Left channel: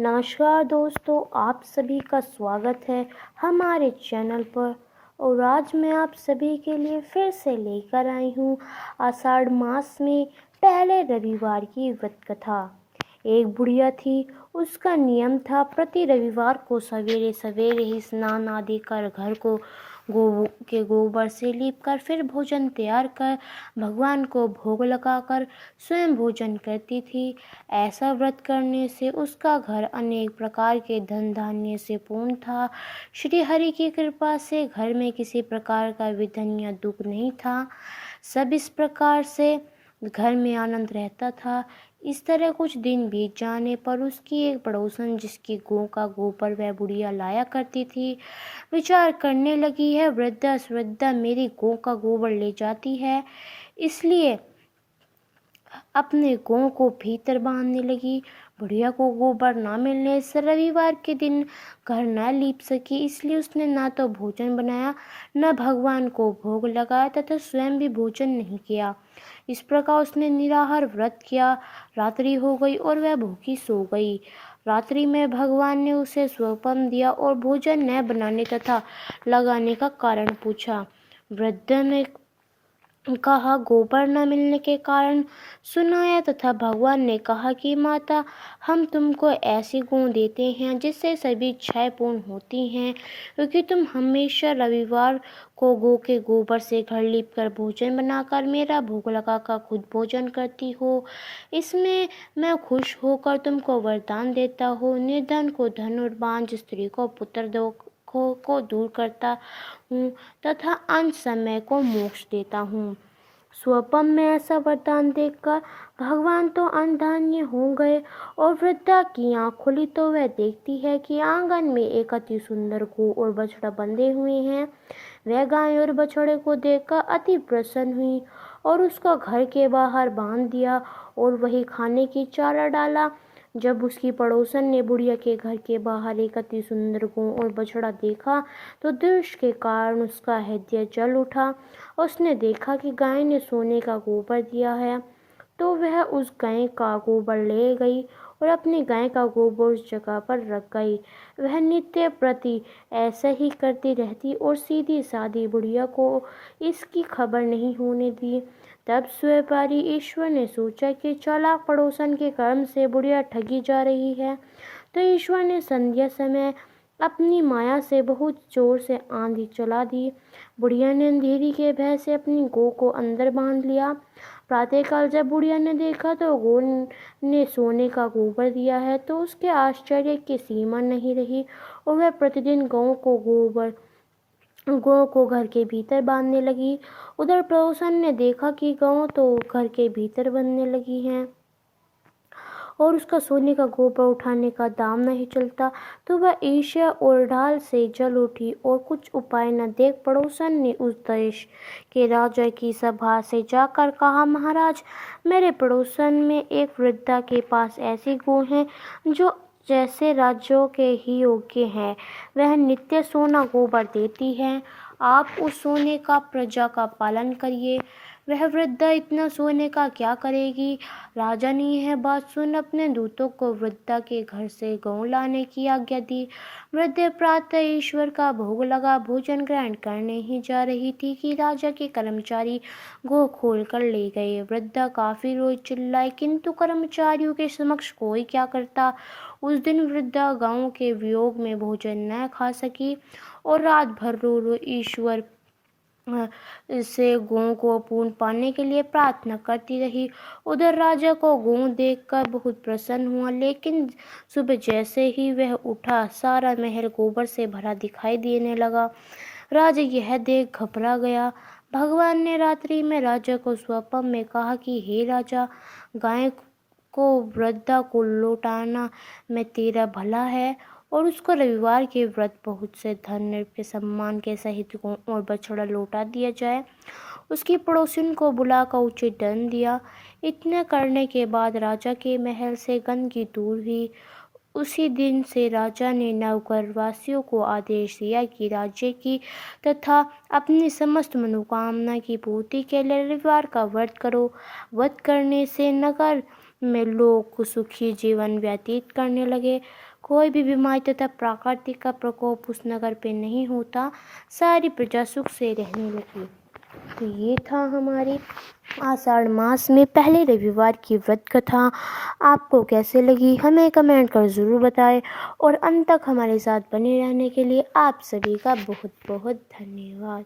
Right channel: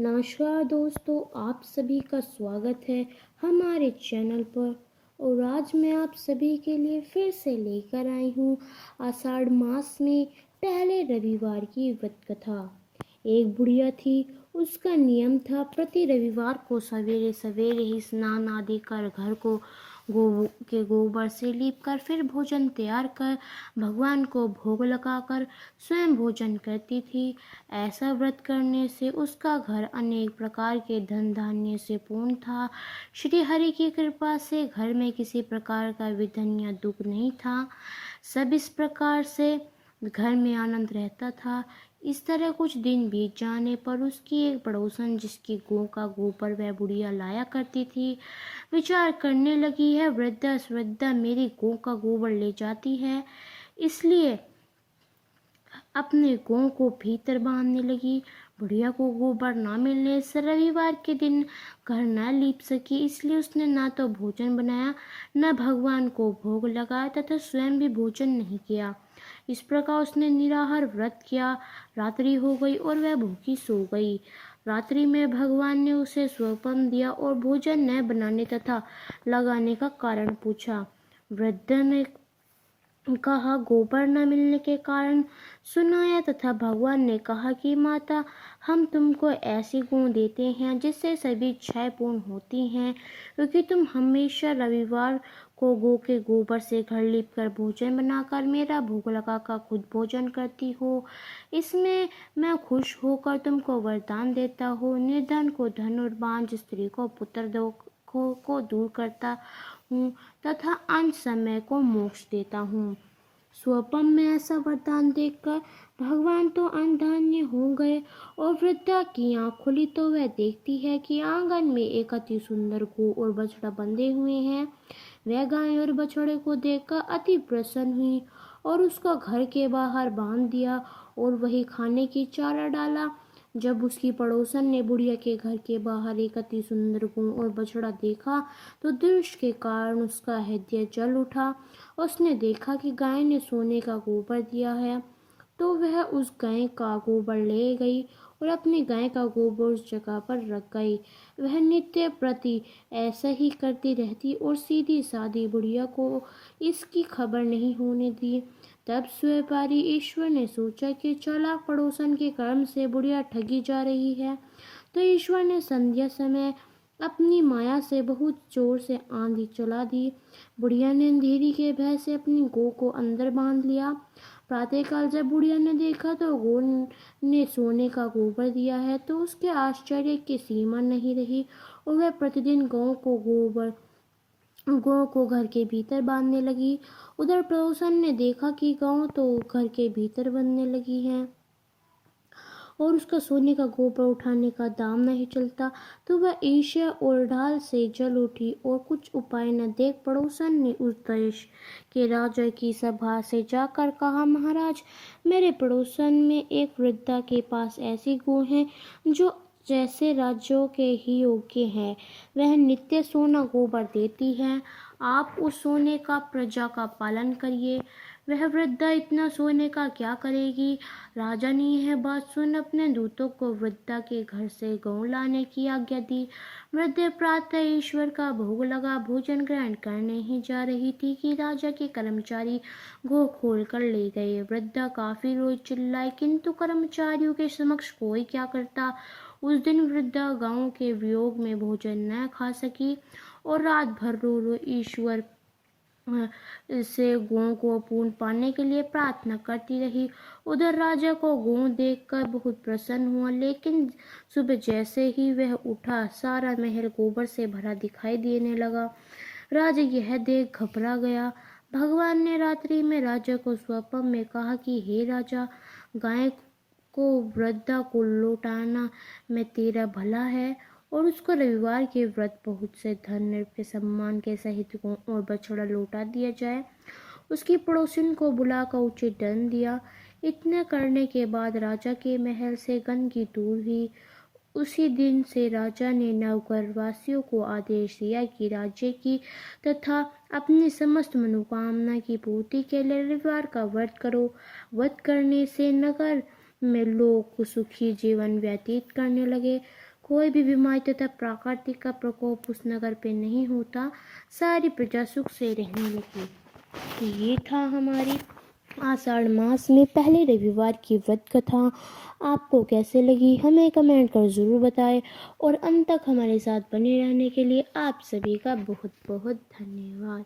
नमस्कार दोस्तों, आप सभी का स्वागत है हमारे चैनल पर। और आज मैं आप सभी के लिए फिर से लेकर आई हूँ आषाढ़ मास में पहले रविवार की व्रत कथा। एक बुढ़िया थी, उसका नियम था प्रति रविवार को सवेरे सवेरे ही स्नान आदि कर घर को गोबर से लीपकर फिर भोजन तैयार कर भगवान को भोग लगाकर स्वयं भोजन करती थी। ऐसा व्रत करने से उसका घर अनेक प्रकार के धन धान्य से पूर्ण था। श्री हरि की कृपा से घर में किसी प्रकार का विघ्न या दुख नहीं था। सब इस प्रकार से घर में आनंद रहता था। इस तरह कुछ दिन बीत जाने पर उसकी एक पड़ोसन, जिसकी गौ का गोबर वह बुढ़िया लाया करती थी, विचार करने लगी है, वृद्धा मेरी गौ का गोबर ले जाती है, इसलिए अपने गौ को भीतर बांधने लगी। बुढ़िया को गोबर न मिलने से रविवार के दिन घर न लीप सकी, इसलिए उसने न तो भोजन बनाया, न भगवान को भोग लगाया तथा स्वयं भी भोजन नहीं किया। इस प्रकार उसने निराहार व्रत किया। रात्रि हो गई और वह भूखी सो गई। रात्रि में भगवान ने उसे स्वपन दिया और भोजन न बनाने तथा लगाने का कारण पूछा। वृद्ध ने कहा, गोबर न मिलने के कारण सुनाया तथा भगवान ने कहा कि माता, हम तुमको ऐसी गौ देते हैं जिससे सभी इच्छाएं पूर्ण होती हैं, क्योंकि तुम हमेशा रविवार को गौ के गोबर से घर लीप कर भोजन बनाकर मेरा भोग लगाकर खुद भोजन करती हो। इसमें मैं खुश होकर तुमको वरदान देता हूँ। निर्धन को धन और बांझ स्त्री को पुत्र को दूर करता हूँ तथा अंत समय को मोक्ष देता हूँ। स्वपन में ऐसा वरदान देखकर भगवान तो अनधान्य हो गए और वृद्धा की आँख खुली तो वह देखती है कि आंगन में एक अति सुंदर गौ और बछड़ा बंधे हुए हैं। वह गाय और बछड़े को देखकर अति प्रसन्न हुई और उसको घर के बाहर बांध दिया और वही खाने की चारा डाला। जब उसकी पड़ोसन ने बुढ़िया के घर के बाहर एक अति सुंदर गौ और बछड़ा देखा तो दृश्य के कारण उसका हृदय जल उठा। उसने देखा कि गाय ने सोने का गोबर दिया है, तो वह उस गाय का गोबर ले गई और अपनी गाय का गोबर उस जगह पर रख गई। वह नित्य प्रति ऐसा ही करती रहती और सीधी सादी बुढ़िया को इसकी खबर नहीं होने दी। तब व्यापारी ईश्वर ने सोचा कि चालाक पड़ोसन के कर्म से बुढ़िया ठगी जा रही है, तो ईश्वर ने संध्या समय अपनी माया से बहुत जोर से आंधी चला दी। बुढ़िया ने अंधेरी के भय से अपनी गौ को अंदर बांध लिया। प्रातःकाल जब बुढ़िया ने देखा तो गौ ने सोने का गोबर दिया है, तो उसके आश्चर्य की सीमा नहीं रही और वह प्रतिदिन गौ को घर के भीतर बांधने लगी। उधर पड़ोसन ने देखा कि गौ तो घर के भीतर बनने लगी है और उसका सोने का गोबर उठाने का दाम नहीं चलता, तो वह ईर्ष्या और ढाल से जल उठी और कुछ उपाय न देख पड़ोसन ने उस देश के राजा की सभा से जाकर कहा, महाराज, मेरे पड़ोसन में एक वृद्धा के पास ऐसी गौ है जो जैसे राज्यों के ही योग्य है। वह नित्य सोना गोबर देती है। आप उस सोने का प्रजा का पालन करिए। वह वृद्धा इतना सोने का क्या करेगी? राजा ने यह बात सुन अपने दूतों को वृद्धा के घर से गौ लाने की आज्ञा दी। वृद्धा प्रातः ईश्वर का भोग लगा भोजन ग्रहण करने ही जा रही थी कि राजा के कर्मचारी गौ खोल कर ले गए। वृद्धा काफी रोज चिल्लाई, किंतु कर्मचारियों के समक्ष कोई क्या करता। उस दिन वृद्धा गांव के वियोग में भोजन न खा सकी और रात भर रो रो ईश्वर से गौ को पूर्ण पाने के लिए प्रार्थना करती रही। उधर राजा को गौ देखकर बहुत प्रसन्न हुआ, लेकिन सुबह जैसे ही वह उठा सारा महल गोबर से भरा दिखाई देने लगा। राजा यह देख घबरा गया। भगवान ने रात्रि में राजा को स्वप्न में कहा कि हे राजा, गाय को वृद्धा को लौटाना में तेरा भला है और उसको रविवार के व्रत बहुत से धन के सम्मान के सहित गौ और बछड़ा लौटा दिया जाए। उसकी पड़ोसिन को बुलाकर उचित दंड दिया। इतना करने के बाद राजा के महल से गंदगी दूर हुई। उसी दिन से राजा ने नगरवासियों को आदेश दिया कि राज्य की तथा अपनी समस्त मनोकामना की पूर्ति के लिए रविवार का व्रत करो। व्रत करने से नगर में लोग सुखी जीवन व्यतीत करने लगे। कोई भी बीमारी तथा प्राकृतिक का प्रकोप उस नगर पे नहीं होता। सारी प्रजा सुख से रहने लगी। तो ये था हमारी आषाढ़ मास में पहले रविवार की व्रत कथा। आपको कैसे लगी हमें कमेंट कर ज़रूर बताएं और अंत तक हमारे साथ बने रहने के लिए आप सभी का बहुत बहुत धन्यवाद।